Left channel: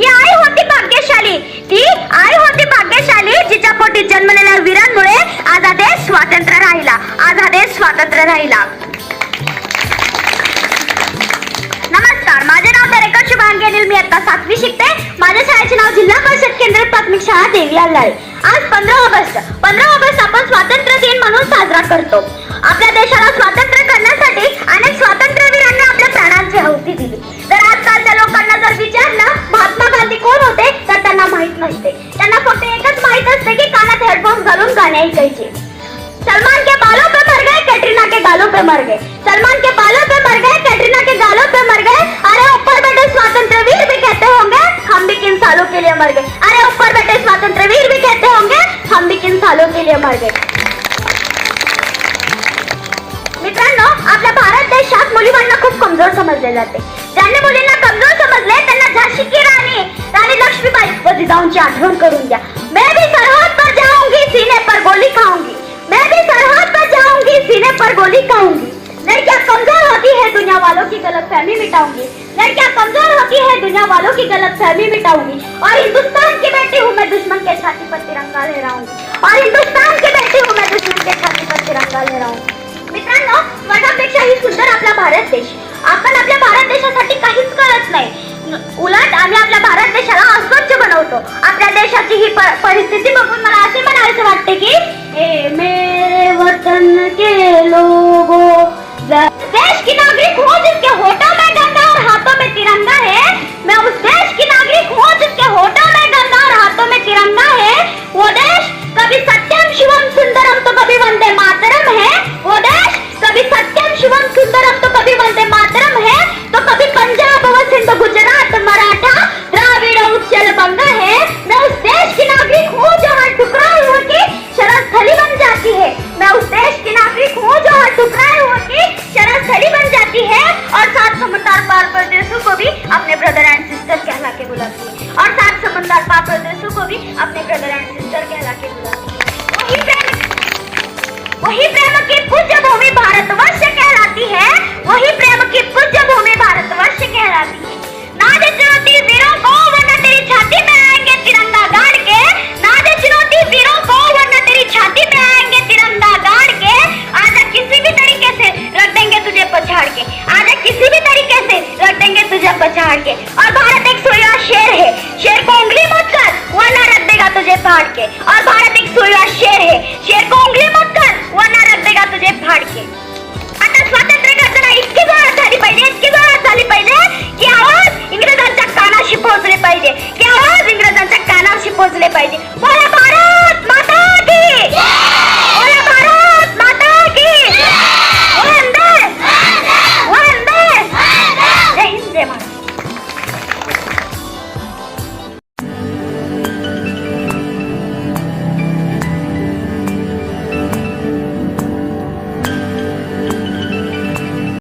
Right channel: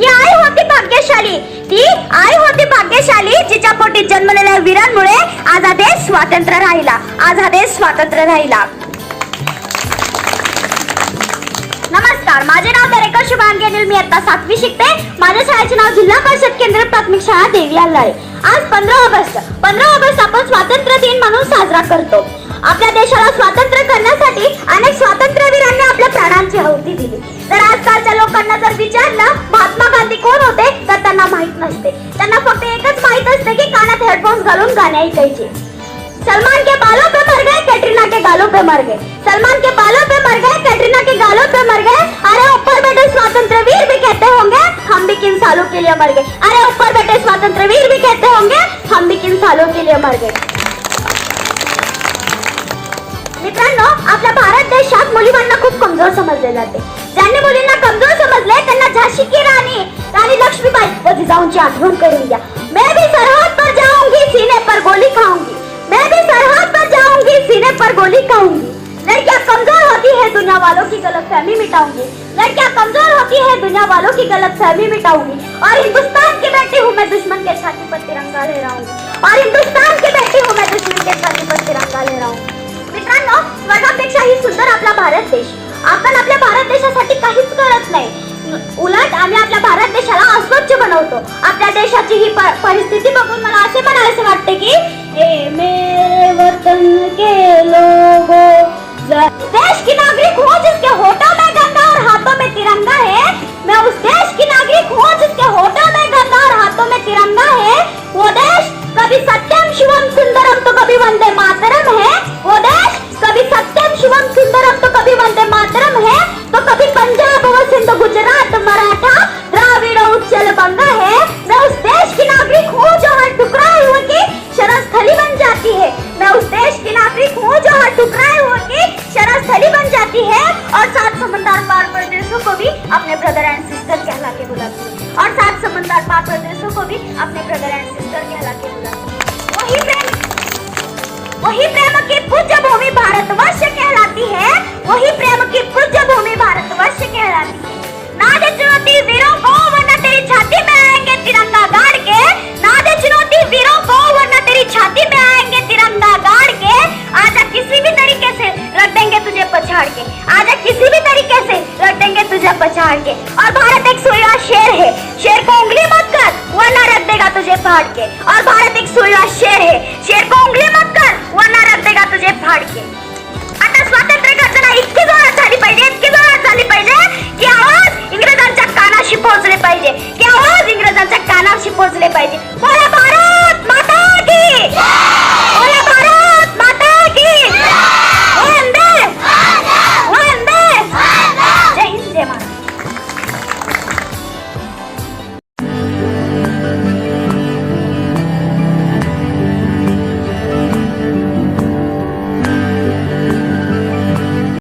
ती आई होती भाग्यशाली. ती आई होती भाग्यशाली जिच्या पोटी जन्मलेल्या वीरांमुळे आज स्वातंत्र्य राहिला. आज स्वातंत्र्य राहिला. नमस्कार माझे नाव दरेकर शुभान मी आता सातवी शिकते. माझ्या शाळेचे नाव जिल्हा परिषद केंद्र प्राथमिक शाळा देवी अल्लाळे आज पंधरा ऑगस्ट. पंधरा ऑगस्ट आपण स्वातंत्र्य दिन म्हणून साजरा करतो. आपल्या देशाला स्वातंत्र्य करण्यासाठी अनेक स्वातंत्र्यवीरांनी आपल्या प्राणांची आहुती दिली. तर आजकालच्या लोकांना जर विचारलं माहीत नसते. त्यांना फक्त एकच माहीत असते की कानात हेडफोन घालून गाणे ऐकायचे. सलमान के बालों पे मर गए कैटरीना के गालों पे मर गए. सलमान के बालों पे मर गए कैटरीना के गालों पे मर गए. अरे ऊपर बैठे स्वतंत्र वीर भी कहते होंगे हम भी किन सालों के लिए मर गए. अरे ऊपर बैठे स्वतंत्र वीर भी कहते होंगे हम भी किन सालों के लिए मर गए. मित्रांनो आपल्या भारत देशात मुलींना खूप कमजोर समजले जाते. ज्यांनी मुलींना कमजोर समजले त्यांना करून द्या मैं भी सरहद पर जाऊँगी, सीने पर गोली खाऊँगी। मैं भी सरहद पर जाऊँगी, सीने पर गोली खाऊँगी। लड़कियाँ कमज़ोर होती है दुनिया वालों की गलत फहमी मिटाऊँगी? लड़कियाँ कमज़ोर होती है दुनिया वालों की गलत फहमी मिटाऊँगी? और हिंदुस्तान की बेटी हूँ मैं दुश्मन के छाती पर तिरंगा लहराऊँगी और हिंदुस्तान की बेटी हूँ मैं दुश्मन के छाती पर तिरंगा लहराऊँगी मित्रांनो स्वर्गापेक्षाही सुंदर आपला भारत देश। आपण आपल्या भारत देशासाठी काहीच करत नाही. उलट आम्ही आपल्या भारत देशाला अस्वच्छ बनवतो. आपल्या देशाची ही प- परिस्थिती बघून मला असे म्हणायचे वाटते की "ए मे वतन के लोगो मैं उस देश की नागरिक हूँ जो हर टुकड़ाए हुए की शरण स्थली बन जाती है और सात समंदर पार प्रदेशों को भी अपने ब्रदर एंड सिस्टर कहला के बुलाती है। और सात समंदर पार प्रदेशों को भी अपने ब्रदर एंड सिस्टर कहला के बुलाती है। वही प्रेम वही प्रेम की पूज्य भूमि भारतवर्ष कहलाती है। वही प्रेम पछाड़ के। आजा किसी भी तरीके से लटेंगे तुझे पछाड़ के। और भारत एक सोया शेर है।